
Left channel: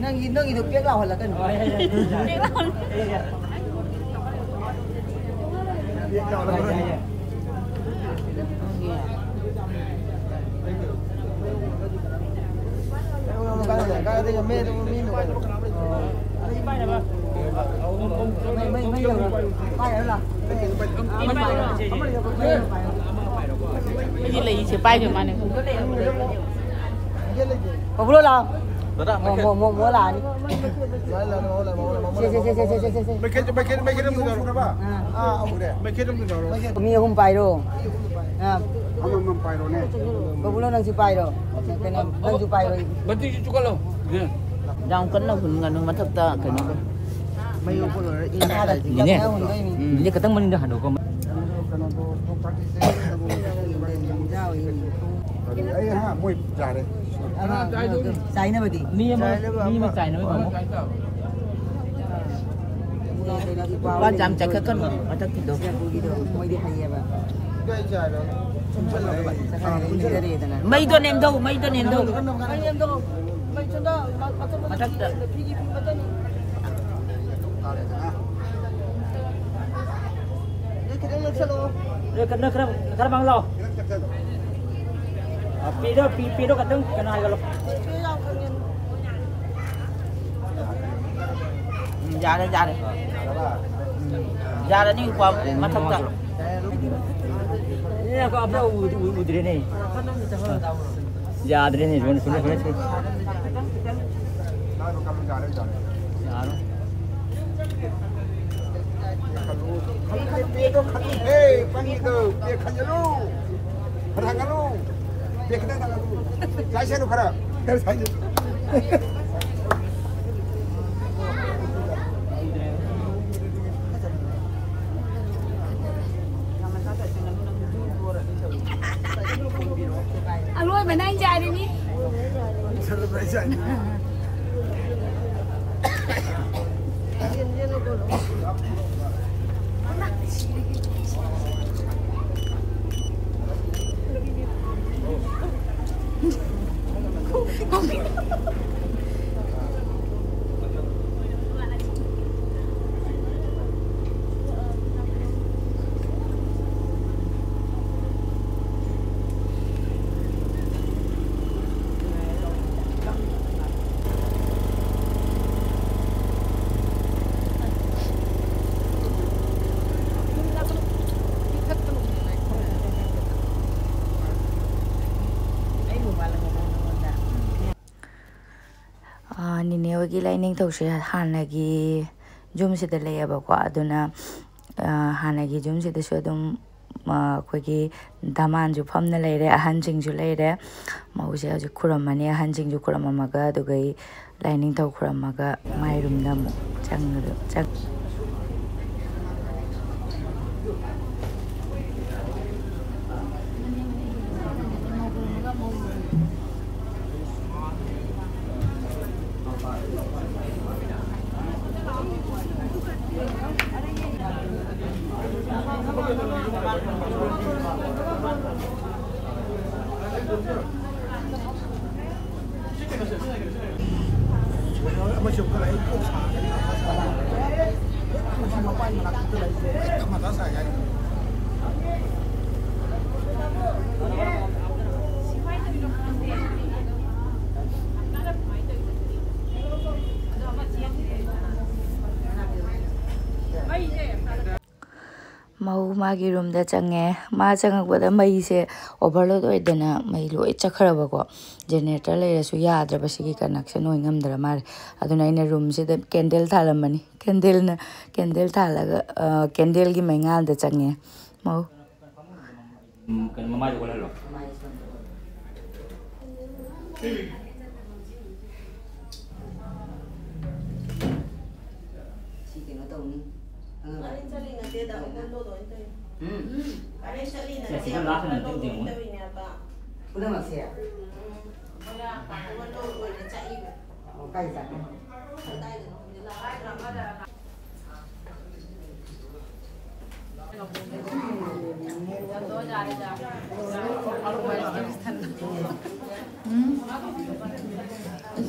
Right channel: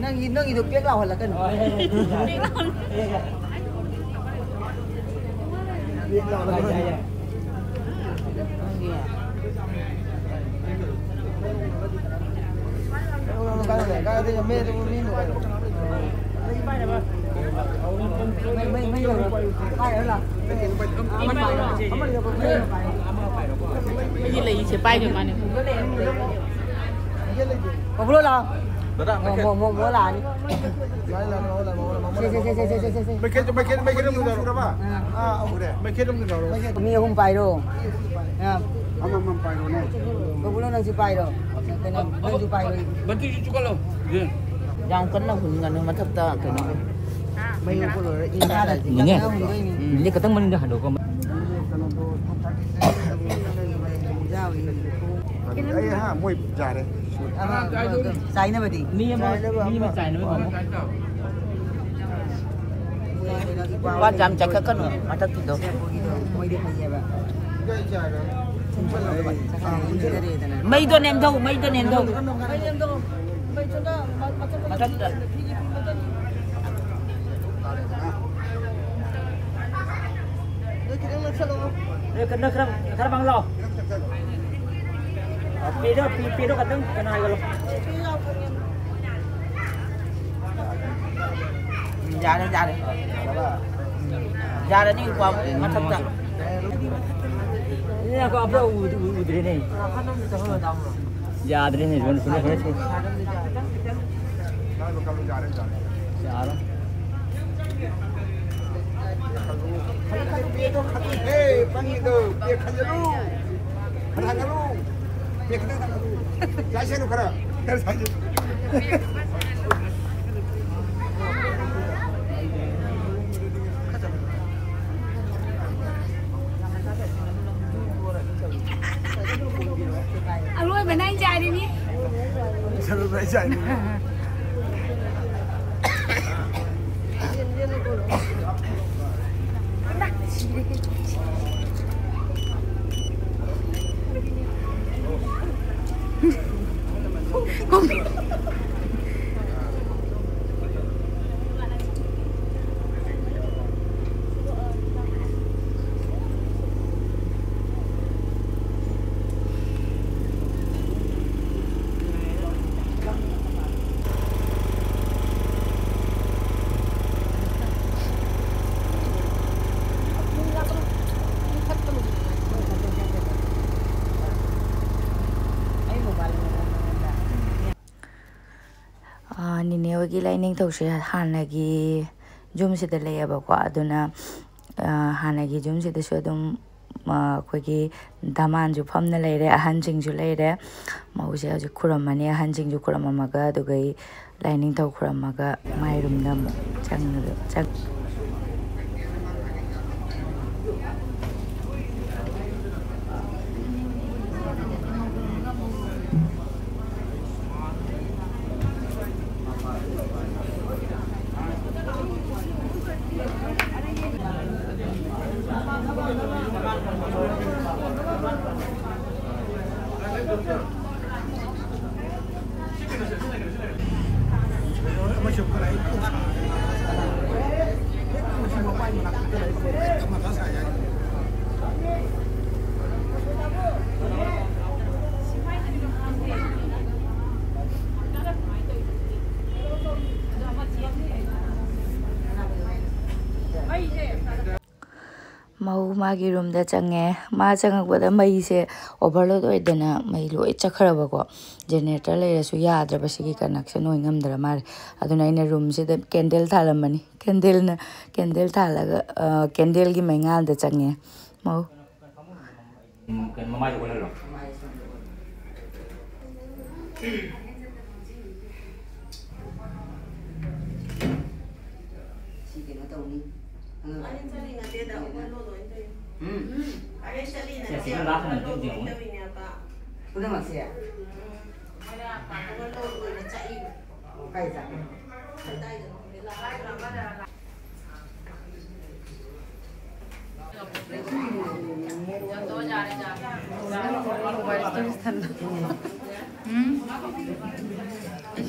Nang hidup dia kau lah kan. Cái gì lấy sẽ bay cái mà này. Pablo lah. Dadah, Mau lah ni. Make it them to the make it them to the Ni hum pai ro. Ha. Amam pai ro ne. Pablo nang si pai ro. Nang si pai ro. Berarti juga lo. Yang kena hun ngan matap ta kena. Mai ko lo ina da. Ni katang man dah hando ko. Ai ha mui jare. Sai na bati. Ni ma sai na ma. Quan chạm chạy cái cân mà thật thì đâu. Mấy đứa em đâu, mấy đứa em đâu. Mà thật. Đây cái nước khá bằng lò. Pi đó kadang kena hai kalau. Jare ni kuat macam tak. Ini aku apa udri ni. Jare ni sudah. Jare. Hey, panggil tu, dia kerja lu, kerja lu, dia kerja lu. Saya lu kerja, saya. Alo, bên anh chạy đi nhỉ? Nini hogi lining those hanagi jum sida layabako aduna hanagi jum sida shodum kogi daman ju phamna layre ahanjing ju layre mause ju kuramani ahanjing ju kuramamaga dugai lining thaw kuramaga mairum na mu chang mau magi room da change ma changakbada mai se overload oidana mai loi chakharabako generator leira su yadra basigi connection oi ngamdra mar aduna ina room se da candle thalamani candle thalaga candle gi mengal da change mau kan mamai ko lo Siapa lah nanti dia pun. Udah masih ya? Kayak tak?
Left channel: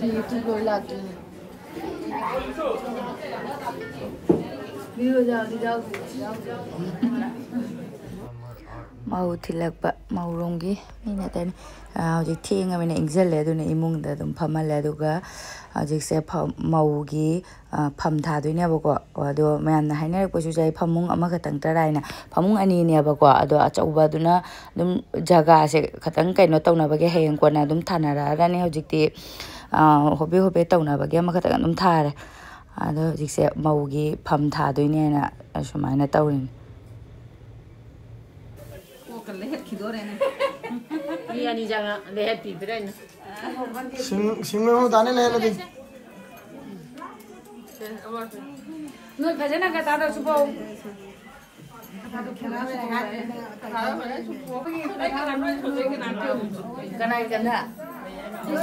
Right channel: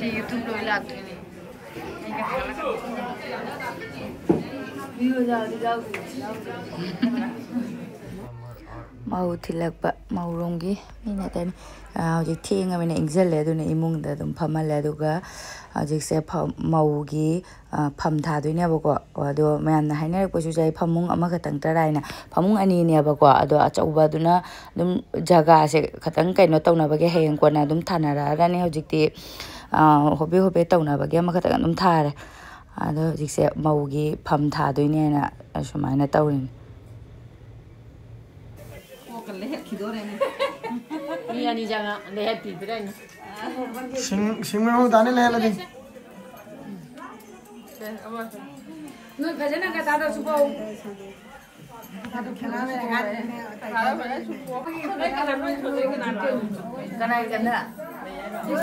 YouTube lo ilat ini. Video jauh. mau thilakpa mauronggi mina tan hojik thinga mina ingjalle aduna imungda dum phamale aduga hojik se maugi pham thadoine bako ado mayamna hainarak pasu jai phamung ama khatang taraina phamung ani ne bako ado achauba duna dum jaga se khatang kaino tawna bage heng kona dum thanara rani hojikti hobe hobe tawna bage ama khatang dum thare ado hojik se maugi pham thadoine na sumaina tawrin Ini jangan lihat bibirnya. Singgung tani leh lagi. Nggak kerjanya nggak tahu subuh. Karena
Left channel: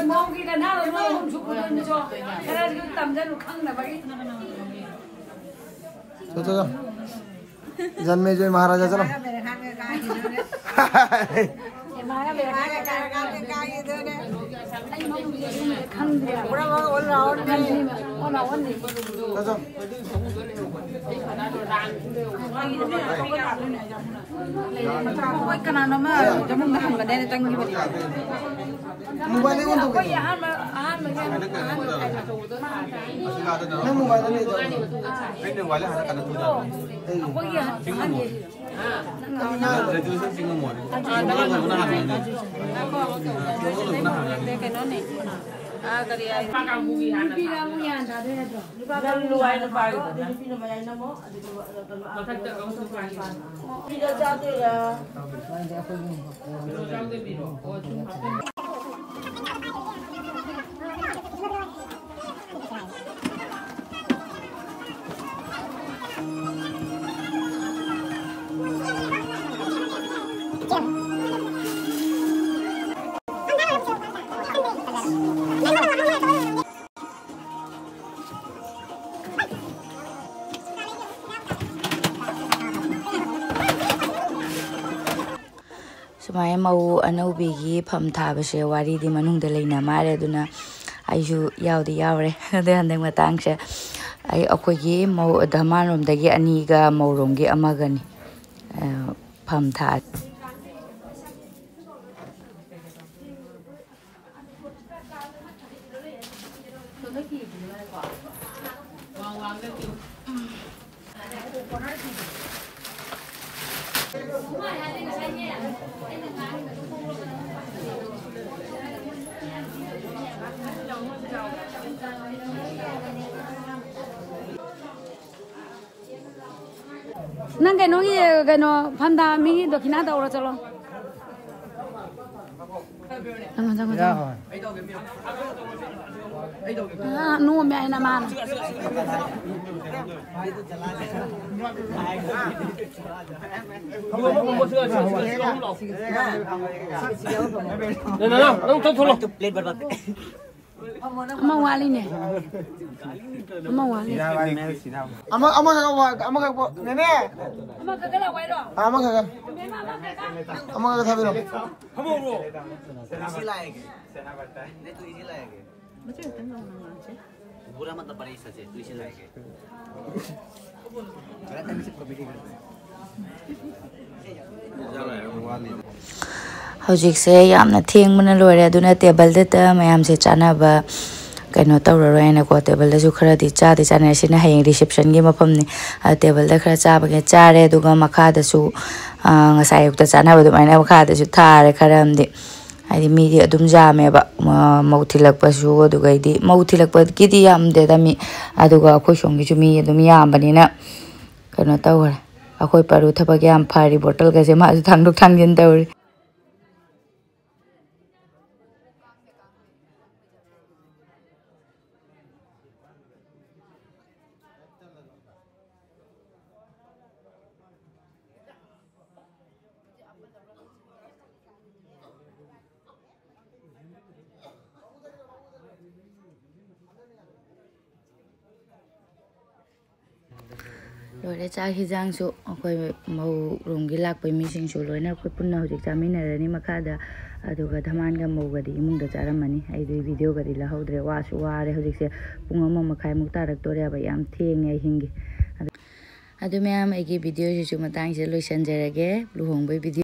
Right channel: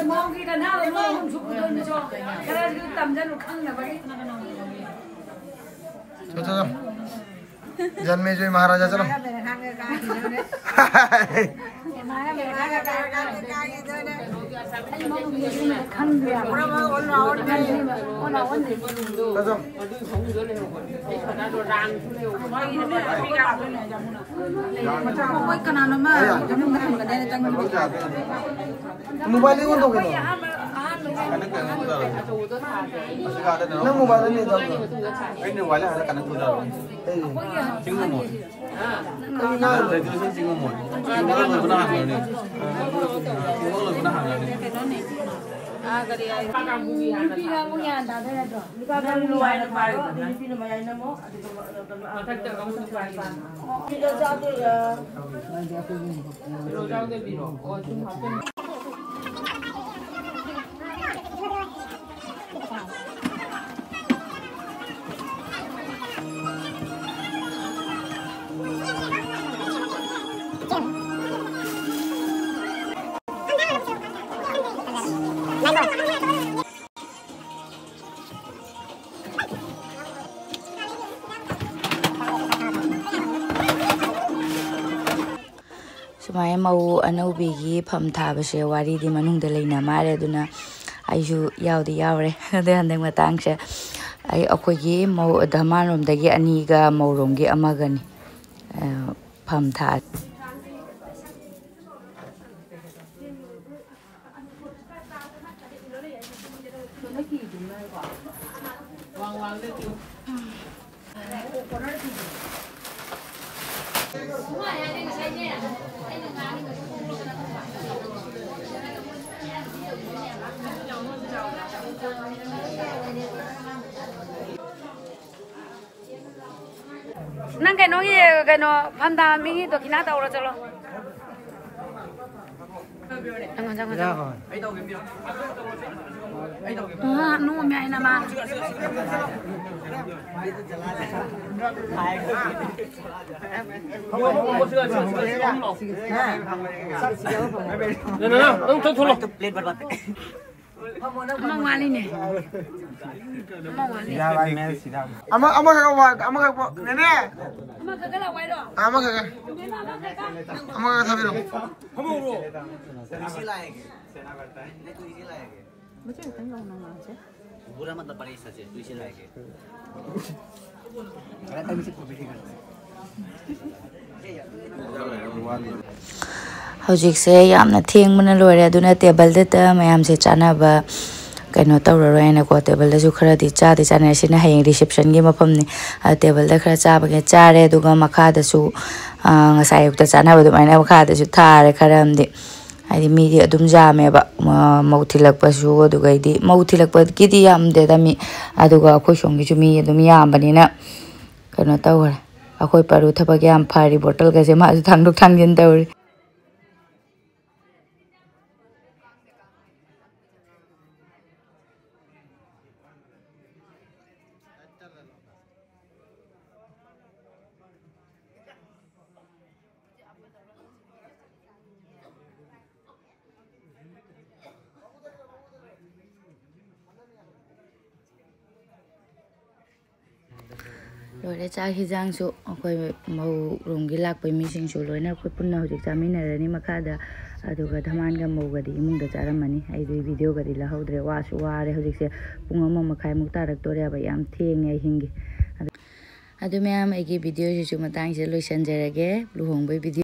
mau kita nalar mau subuh dulu so. Karena kita tamjan lukang na bagi. चलो जन्मे जो महाराजा चलो mobile नहीं तो ना mobile नहीं तो ini wala ada kana tu dah Sumaya mau anaubi pham thabase wari di manungda leina mare aduna aiju yaudi yaure de handeng matang se ai akogi mau damanom dagi aniga mauromgi amagani pham tha Nang kano panda mi do kina da ora chalo. Jangan. Nu mi ai na ma. Mawali ne. Mawali. ama nene Ama kagala wai do. ama thabi ro इसी लाएंगे सेना करता है नहीं तू इसी लाएंगे मुझे तंग होना ना से. बुरा मतलब बड़ी सच है तू इसी लाएंगे hojikse yamna thengmana loire aduna table da mayam se chanaba kaino tawroroina ko table da ju khara di cha di chana sina hayeng reception gi mafam ni table da khara cha ba ge chare duga makha da su ngasai yuk da chana ba du maina makha da su thare kharam di ai mi di adum jame ba mauthilak pa su duga di mauthilak pa ki di yam de da mi aduga khoi song gi ju mi adum yam bani na kaino tawra akhoi paru thaba gyam phari bottle ga je ma ju thangduk thangjin tawri Lore cha hijang su akoi mau rongi lak pai mi sing su loina akoi punna hojik chamina rani makada aduga dhaman ga mau ga di imung da charamani ai du video ga di la hodre wa su wa re hojik se pungama makhai muk tarak tore ba yam thenge hingi adu me am agi video ji chu matang se loisan jarage luhongbai video